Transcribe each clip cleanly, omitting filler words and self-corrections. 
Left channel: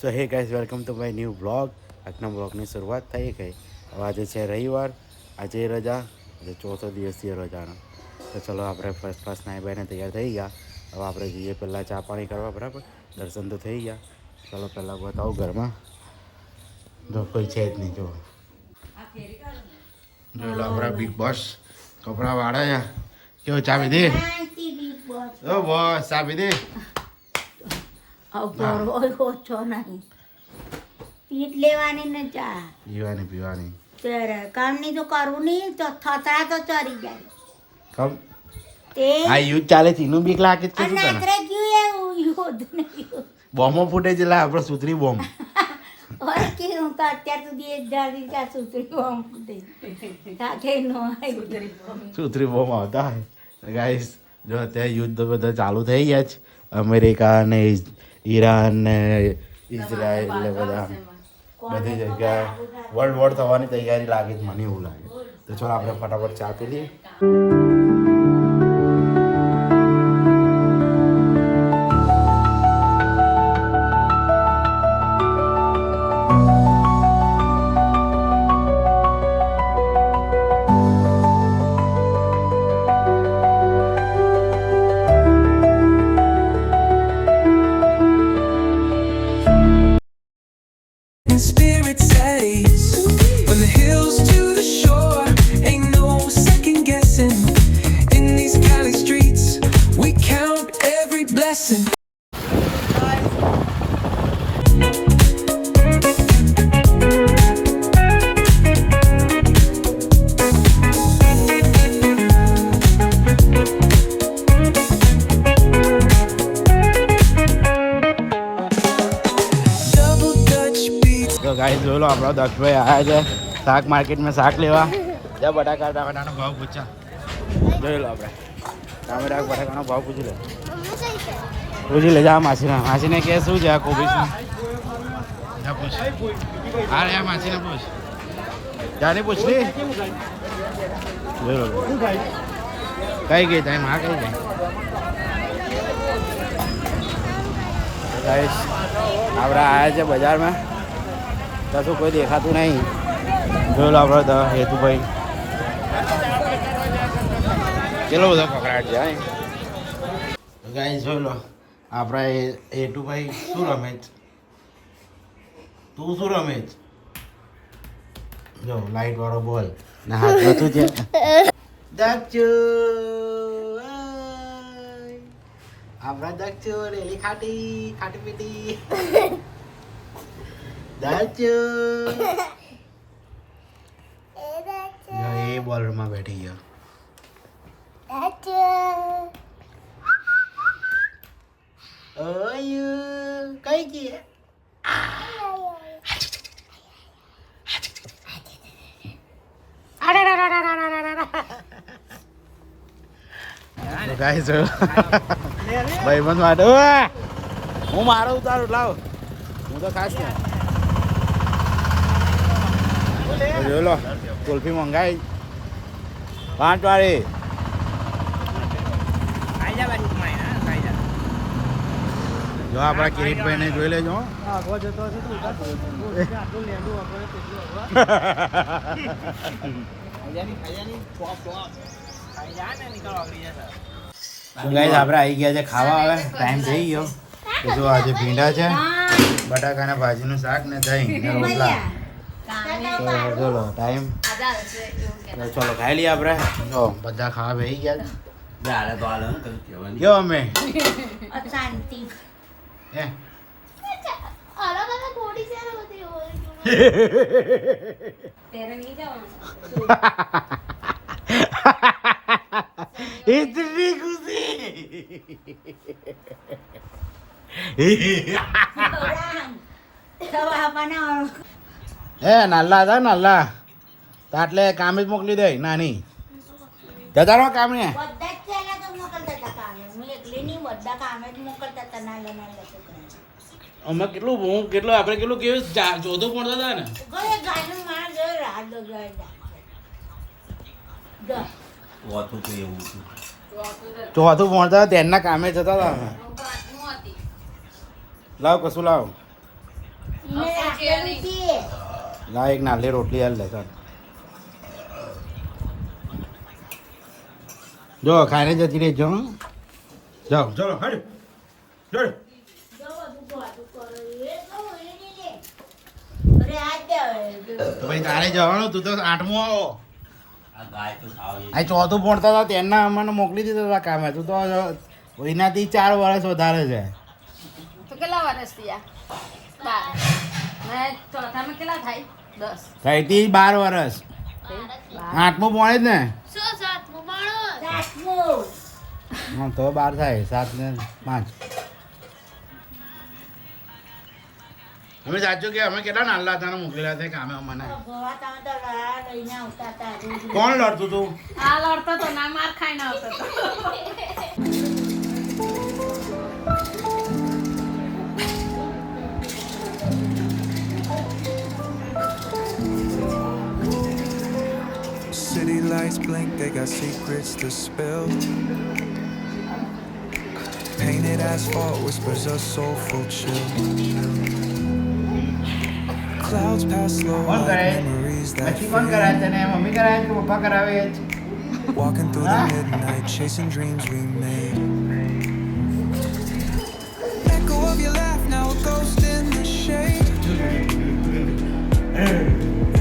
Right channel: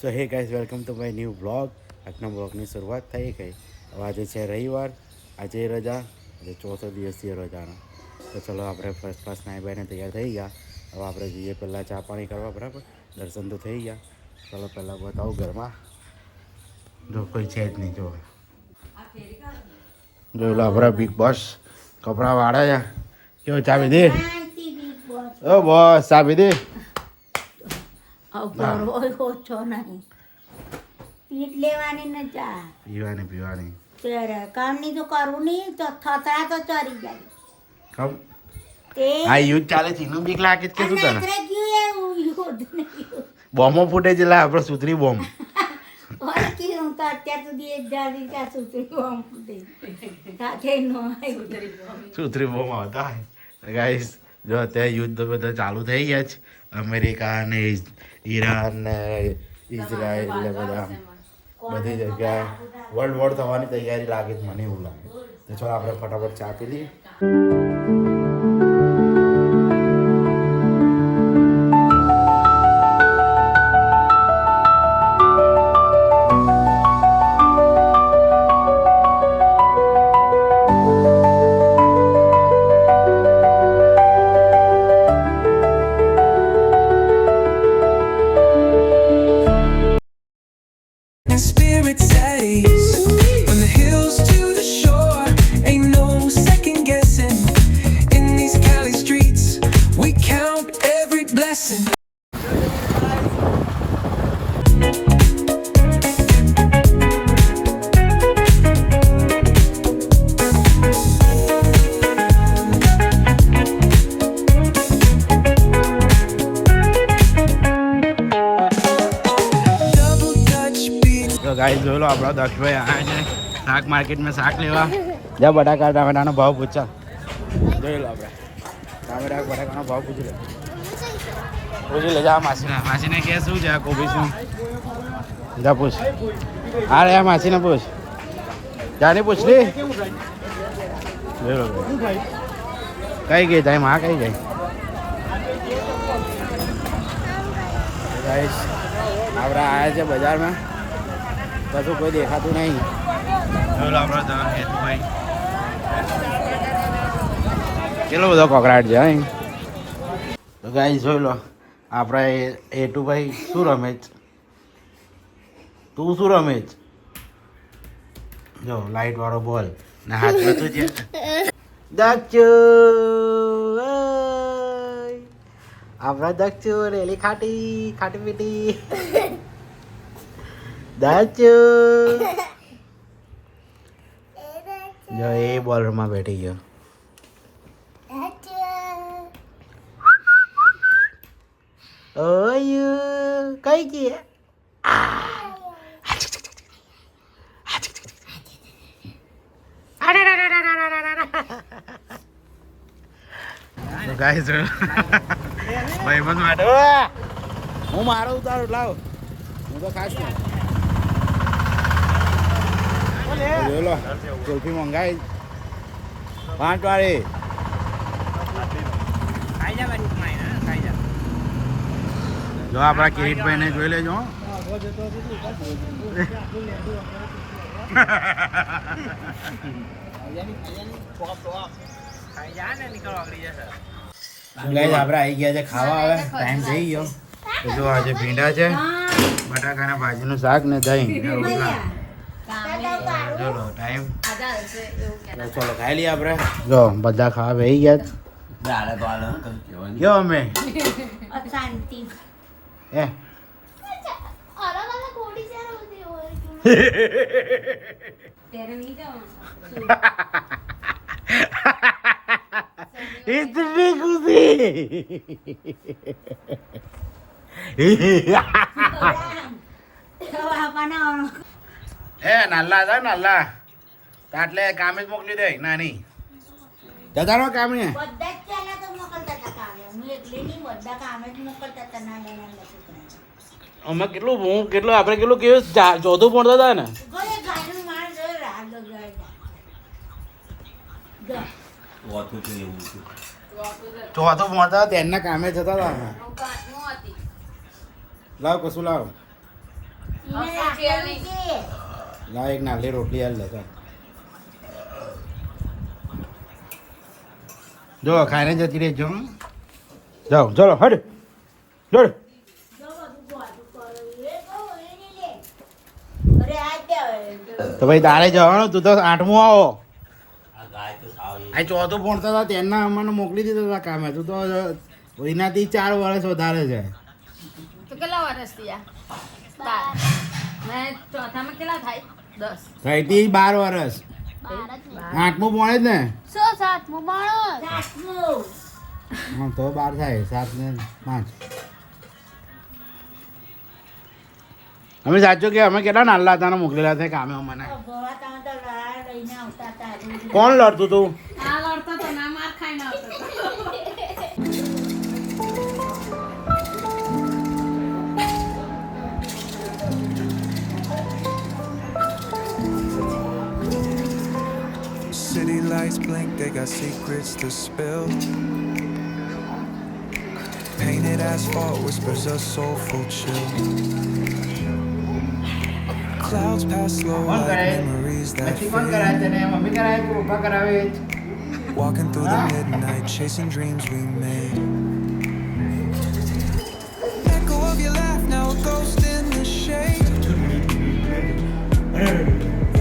So hey guys welcome to my new blog. આજના બ્લોગની શરૂઆત થઈ ગઈ. હવે આજે છે રવિવાર, આજે રજા, આજે ચોથો દિવસ છે રજાનો. તો ચલો આપણે ફર્સ્ટ ક્લાસ નાઈ બાઈને તૈયાર થઈ ગયા. હવે આપણે જઈએ પહેલાં ચા પાણી કરવા, બરાબર. દર્શન તો થઈ ગયા. ચલો પહેલાં બતાવું ઘરમાં. જો કોઈ છે જ નહીં. જો આપણા બિગ બોસ કપડાં વાળા છે. કેવો ચાબી દે? ઓ બોસ ચાબી દે. પીવાની કામ નહીં તો કરવું નહીં તો થતરા તો ચરી જાય. કમ આ યુદ્ધ ચાલે છે એનું બીક લાગે છે શું તને? બોમ્બો ફૂટે છે લા આપણો સુતરી બોમ્બ. હું તો અત્યાર સુધી એક જાળી ત્યાં સુતરી બોમ્બ ફૂટે સાથે નો સુતરી બોમ્બ આવતા હોય. ગાઈસ જો અત્યારે યુદ્ધ બધા ચાલુ થઈ ગયા છે. અમેરિકા ને ઈરાન ને ઇઝરાયલ ને બધા બધી જગ્યાએ વર્લ્ડ વોર થવાની તૈયારી લાગે છે, મને એવું લાગે. તો ચાલો આપણે ફટાફટ ચા પી લઈએ. Spirits at ease from the hills to the shore. Ain't no second guessing. In these Cali streets, we count every blessing. તો ગાઈસ જોઈ લો આપણા દક્ષભાઈ આવ્યા છે શાક માર્કેટમાં શાક લેવા. જ્યાં બટાકા ટામેટાનો ભાવ પૂછા. જોઈ લો આપણે ટામેટા બટાકાનો ભાવ પૂછી લે. પૂછી લે જા માસીને કે શું છે આ કોબીસનું. જા પૂછ. હા રે માસીને પૂછ. જાની પૂછ લે. જોઈ લો કઈ ગઈ ટાઈમ હા કઈ ગઈ. ગાઈસ આપણે આવ્યા છે બજારમાં. કશું કોઈ દેખાતું નહીં. જોઈ લો આપણે હેતુભાઈ કેટલો બધો કોકરાટ છે. તો ગાઈસ જોઈ લો આપણા હેતુભાઈ શું રમે છે. તું શું રમે છે? જો લાઈટ વાળો બોલ ને હાથમાં તું છે દક્ષુ. આપણા દક્ષુ રેલી ખાટી ખાટી પીટી દક્ષુ. જો એ બોલરમાં બેઠી ગયો. ઓયુ કઈ ગઈ? ગાઈસ ભાઈ બંધ માટે હું મારો ઉતારું લાવ. હું તો ખાસ ને જોઈ લો કુલ્ફી મંગાવી 5 વાળી. જો આપણા કિરીટભાઈ ને જોઈ લેજો. ગાઈસ આપણે આવી ગયા છે ખાવા. હવે ટાઈમ થઈ ગયો. જો આજે ભીંડા છે, બટાકાના ભાજીનું શાક ને દહીં ને રોટલા. ચલો ટાઈમ ચલો ખાઈ લઈએ આપણે. જો બધા ખાવા બેસી ગયા. કયો અમે શાંતિ હે इतनी खुशी હે નાલ્લા હતા નાલ્લા એટલે કામ જ મોકલી દે નાની જતા રહો કામ ને. બધા જ પહેલા તો મોકલતા હતા કામે. હું એકલી નહીં બધા કામે જ મોકલતા હતા નાના નાના છોકરા. અમે કેટલું આપણે કેટલું કેવું ચોથું ભણતા હતા ને. ગાયનું માણ જોઈ રાત ચોથું ભણતા હતા તેમના કામે જતા હતા. લાવ કશું લાવ આપેલું છે. લા એક નાલી રોટલી હાલ લે ચાલ જો ખાઈને જતી રહેજો હં? જાઓ ચલો હડ દોડ જો બધું ધોધું કરો. એ કહું, એ નહીં લે. અરે આ જ દે હવે. તો ભાઈ તારે જવાનું તું તો 8મું આવો આ ચોથું ભણતા હતા તેના અમને મોકલી દીધા હતા કામે તું તો એનાથી 4 વર્ષ વધારે છે તો કેટલા વર્ષ થયા? 7 ને ચોથામાં કેટલા થાય? 10. થઈથી 12 વર્ષ 8મું ભણે જ ને સાતમું. હા તો 12 થાય 7 ને 5 અમે સાચું કે અમે કેટલા નાના હતા ને મોકલેલા હતા કામે અમને ભગવા તમે તો લઈને આવતા હતા. કોણ લડતું તું આ લડતો તો ના માર ખાઈને આવતો તો. City lights blink, they got secrets to spill. Painted asphalt whispers a soulful chill. Clouds pass slow કોણ like કરાય memories that પછી કોણ કરાય fade. તને મમ્મી કરાય કે પપ્પા કરાવે Walking through the midnight, chasing dreams we made. Echo of your laugh, now a ghost in the shade.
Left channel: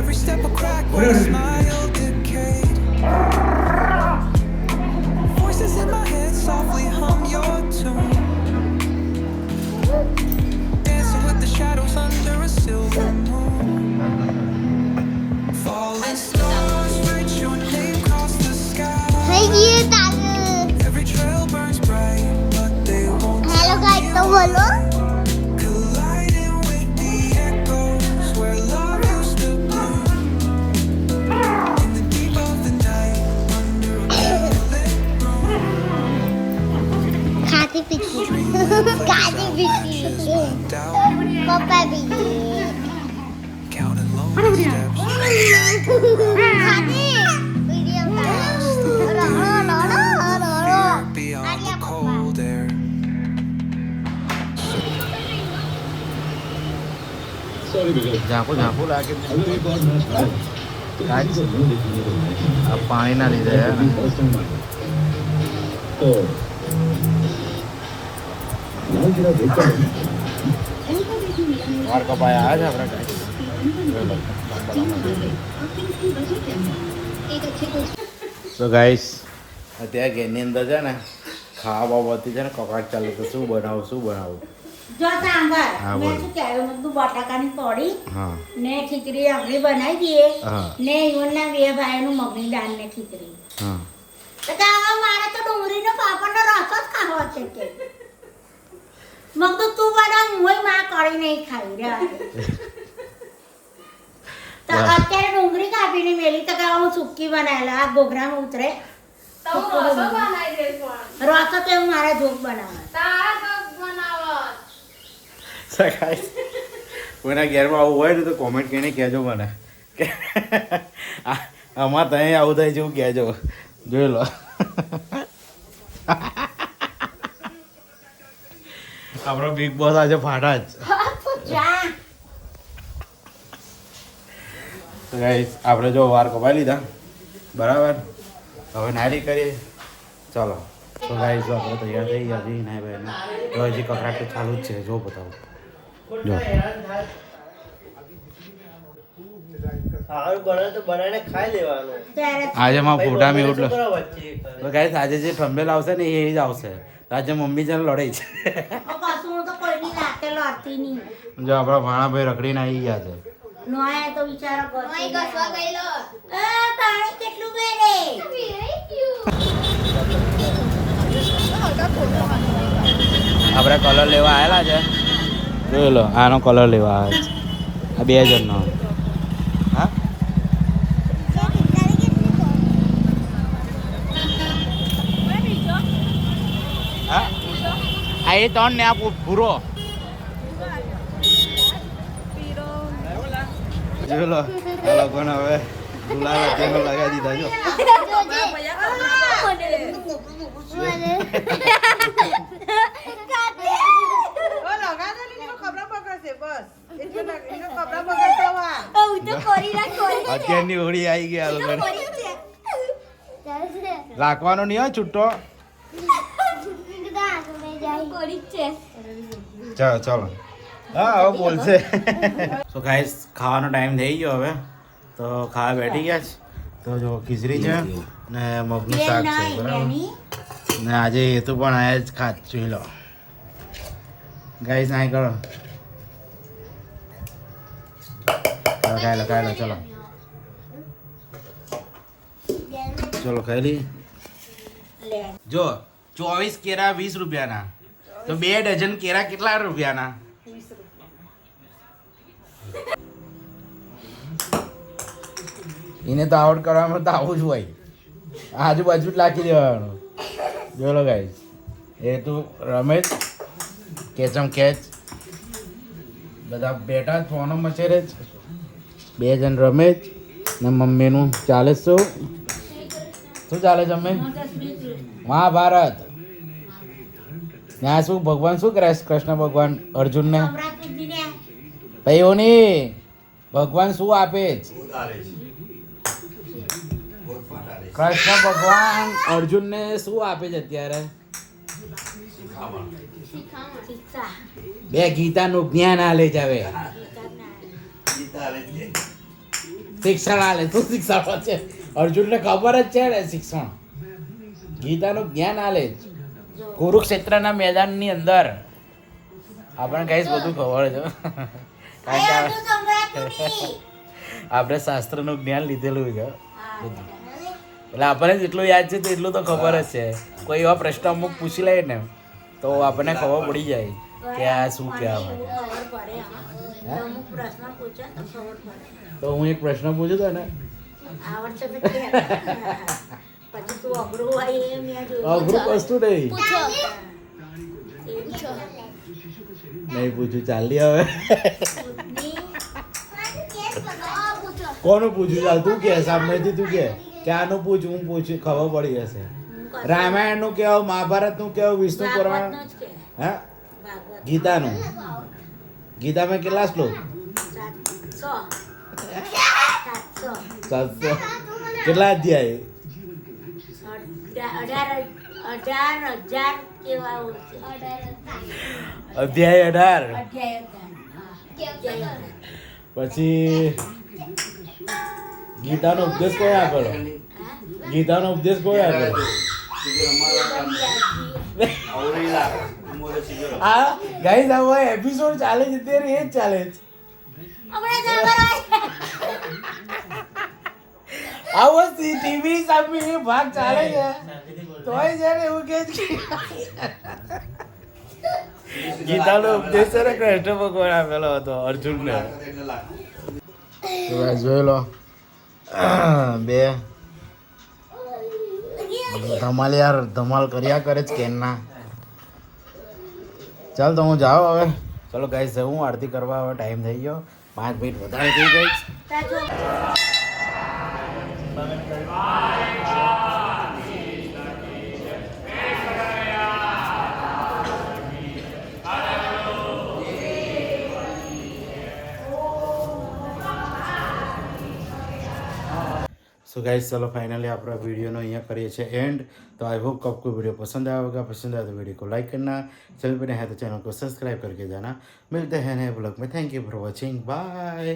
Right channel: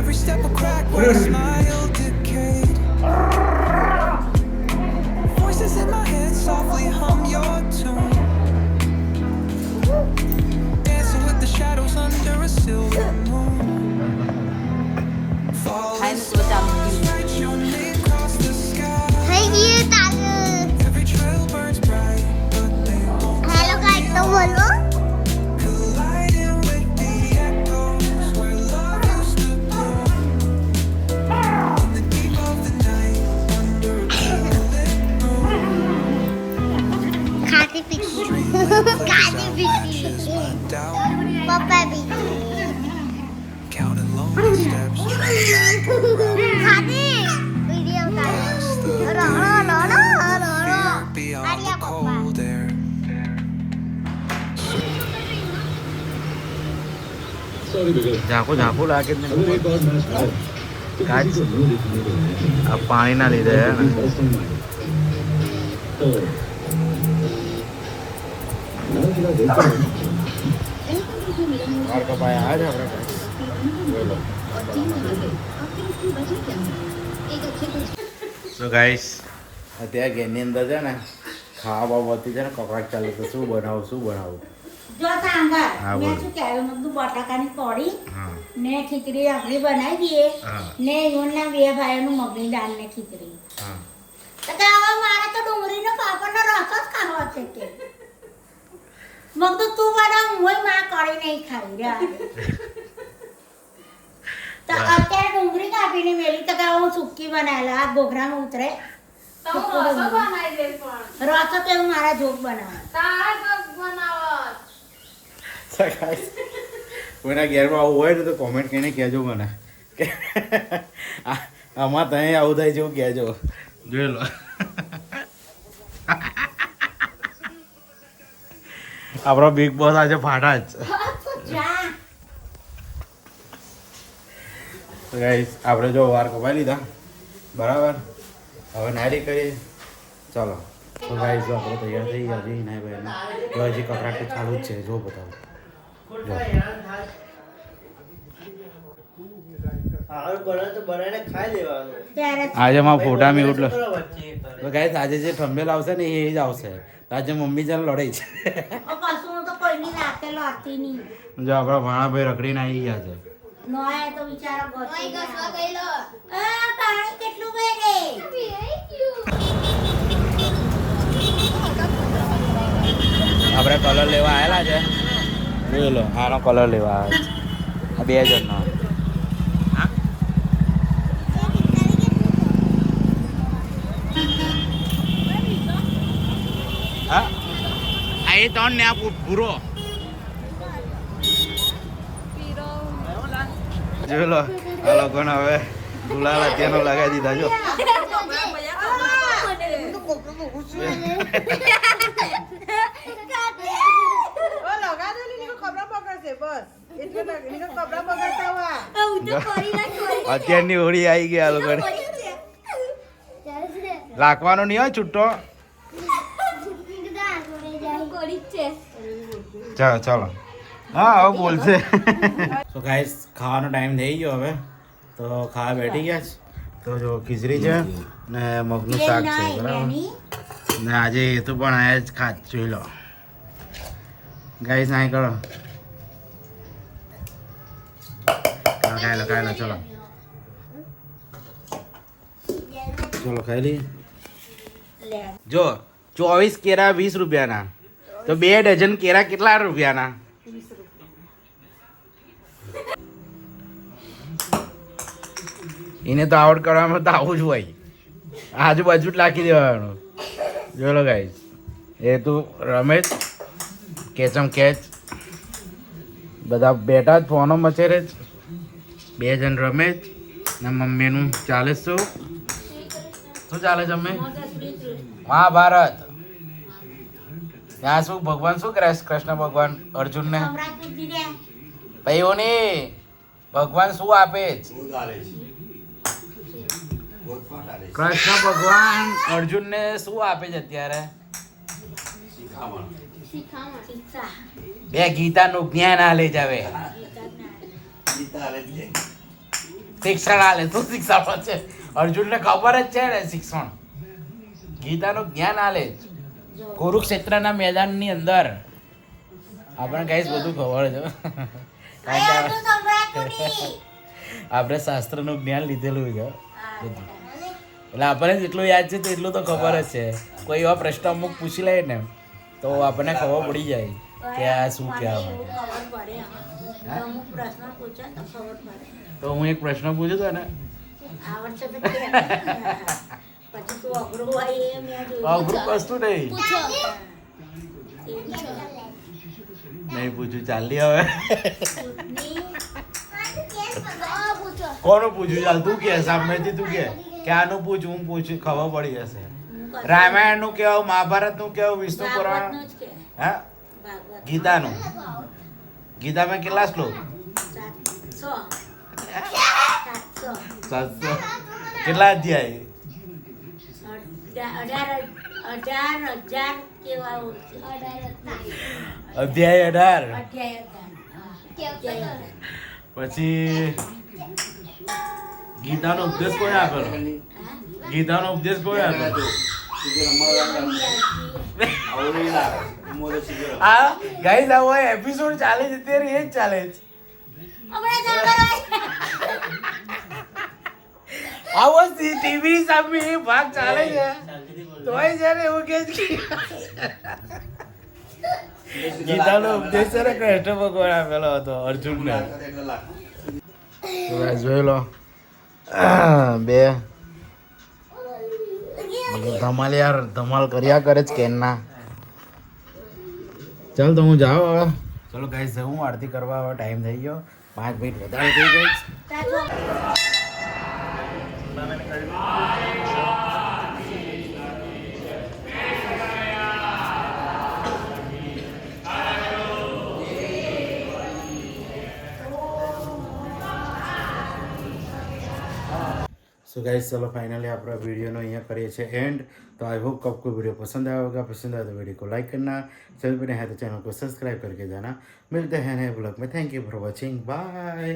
Every step a crack where a smile decayed. Voices in my head softly hum your tune. Dancing with the shadows under a silver moon. Falling stars, write your name across the sky. Every trail burns bright, but they won't hello guys तो बोलो colliding with the echoes where love used to bloom. In the deep of the night, under a candlelit moon, खाती पीती dreamland plays खाती out पीती matches my doubt. पापा पीती Counting lonely steps, trying to map a route खाती video past the रो रो रो रो रो fear beyond the cold air. ઝાંખું ઝાંખું લાગે જ ને કાચ આ પાણીના લીધે હે ને વાર કપાય આવે છે આપણે તો ગાઈસ અત્યારે ઘેરની અંદર છે ને ખાવા બાબતથી છે ને કકડાટ ચાલે તો શું બનાવું જો સાંભળ, હા, મેં બોલ. શું કહેવું, મેં કીધું બટાકાની કઢી હા ને ખીચડી આપણે બનાવી દઈએ હા. ને ઈવનના 2 ભાઈઓનું મગની દાળ ને ખીચડી. હા તો કે હવે મારે તો ડુંગળીનો પાપડનો રસ જ ખાવો છે કે મગ તો તું બનાવ, હુંય માં કઢી નહીં ખાઈ રહ્યા. તો અત્યારે ડુંગળી કાપીને મેલી તો કે હવે હું સુક્કી બનાવેલા આ ઘોઘરામાં ઉતરે તો હું રસો બનાવી દઈશ પણ. રસો તો એવું મારા જોક બનાવે. તાર તો બનાવો. ગાઈસ કોઈના ઘેરમાં આવું હોય ને તો કોમેન્ટ કરીને કહેજો મને કે આમાં ત્યાં આવું થાય છે એવું કહેજો જોઈ લો આપણો બિગ બોસ આજે ફાટા જ ચા તો ગાઈસ આપણે જો વાર કપાઈ લીધા બરાબર હવે નારી કરીએ ચાલો તો ગાઈસ જો આપણે તૈયાર થઈ ગયા હજી નાઈ ભાઈને તો હજી કકડાટ તો ચાલુ જ છે જો બતાવો જો સારું બને તો બનાવીને ખાઈ લેવાનું. ત્યારે આજે મારા ફોટા મેં ઉઠલો છોકરા વચ્ચે કરે. તો ગાઈસ આજે જે થંબેલ આવશે ને એ જ આવશે તો આજે મમ્મી છે ને લડાઈ છે કશું હું તો કોઈની રાતે લડતી નહીં. જો આપણા ભાણાભાઈ રખડીને આવી ગયા છે નો આયા તો બિચારા ગોતી ઘસવા ગયા. ગયેલો. પાણી કેટલું વેડે. આપણે કલર લેવા આવેલા છે જોઈ લો આનો કલર લેવા આવે છે 2 જણનો હા હા આ એ 3 ને આ ભૂરો જોઈ લો આ લોકોને હવે ગુલાલ અત્યારનો લગાવી દીધા જો હું તો કોરી અત્યારની હોળી આવી ગઈ આ લોકોને રાખવાનો નહીં હોય છૂટો. કોરી છે ચાલો ચાલો હા હવે બોલશે. તો ગાઈસ ખાવાનો ટાઈમ થઈ ગયો હવે તો ખાવા બેઠી ગયા છે. તો જો ખીચડી છે ને મગનું શાક છે બરાબર ને આજે એ તો પણ આયા જ ખાત જોઈ લો ગાઈસ. નાઈ કરો ખાઈ લો ચલો ચલો ખાઈ લઈએ. જો 24 કેરા 20 રૂપિયાના તો 2 ડઝન કેરા કેટલા રૂપિયાના? એને તો આવડ કરવામાં તો આવું જ હોય. આજુબાજુ જ લાખી દેવાનું. જોઈ લો ગાઈસ એ તું રમેશ કેચમ કેચ બધા બેઠા જ ફોનો મચેરે જ. 2 જણ રમેશ ને મમ્મીનું ચાલે શું ચાલે છે? અમે મહાભારત ત્યાં શું ભગવાન શું કરે છે? કૃષ્ણ ભગવાન અર્જુનને ભાઈઓની ભગવાન શું આપે છે? કૃષ્ણ ભગવાન અર્જુનને શું આપે છે અત્યારે? બે ગીતાનું જ્ઞાન આલે જ હવે. શિક્ષણ આલે. શું શિક્ષણ છે? અર્જુનને ખબર જ છે ને શિક્ષણ ગીતાનું જ્ઞાન આલે જ. કુરુક્ષેત્રના મેદાનની અંદર આપણે કઈ બધું ખબર છે કારણ કે આપણે શાસ્ત્રનું જ્ઞાન લીધેલું છે બધું. એટલે આપણને જેટલું યાદ છે તેટલું તો ખબર જ છે. કોઈ એવા પ્રશ્ન અમુક પૂછી લે ને તો આપણને ખબર પડી જાય કે આ શું કહેવા માંગે. અમુક પ્રશ્ન પૂછે તો ખબર પડે. તો હું એક પ્રશ્ન પૂછ્યો હતો ને આવડશે તો કે પછી તું અઘરું હોય એ મેં જોયું. અઘરું વસ્તુ નહીં પૂછ્યું. ચાલી હવે કોનું પૂછ્યું? ચાલ તું કે સામેથી તું કે આનું પૂછ હું પૂછું ખબર પડી જશે. રામાયણ નું કેવું, મહાભારત નું કેવું, વિષ્ણુ પુરાણ, હા ગીતાનું. ગીતામાં કેટલા શ્લોક? 700. કેટલા અધ્યાય? 18,000 કેવા છે? અધ્યાય 18. પછી ગીતાનો ઉપદેશ કોઈ આપેલો? ગીતાનો ઉપદેશ કોઈ આપેલો? આ ગાઈસ આ એપિસોડ ચાલે છે તે એ જ ચાલે છે. આવો ટીવી સામે ભાગ ચાલે છે તોય જ્યારે એવું કે ગીતાનો ઉપદેશ છે ને કૃષ્ણ ભગવાન આપેલો હતો અર્જુનને. જોઈ લો બે ધમાલ યાર ધમાલ કર્યા કરે છે કેનના. ચાલ તો હું જાઉં હવે. ચલો ગાઈસ હું આરતી કરવા હવે ટાઈમ થઈ ગયો. 5 મિનિટ વધારે થઈ ગઈ. सो गाइस चलो फाइनली अपना वीडियो नो यहाँ करिए छे एंड. तो आई होप आपको वीडियो पसंद आया होगा. पसंद आया तो वीडियो को लाइक करना, चैनल पर नया है तो चैनल को सब्सक्राइब करके जाना. मिलते हैं नए ब्लॉग में. Thank you for watching. Bye.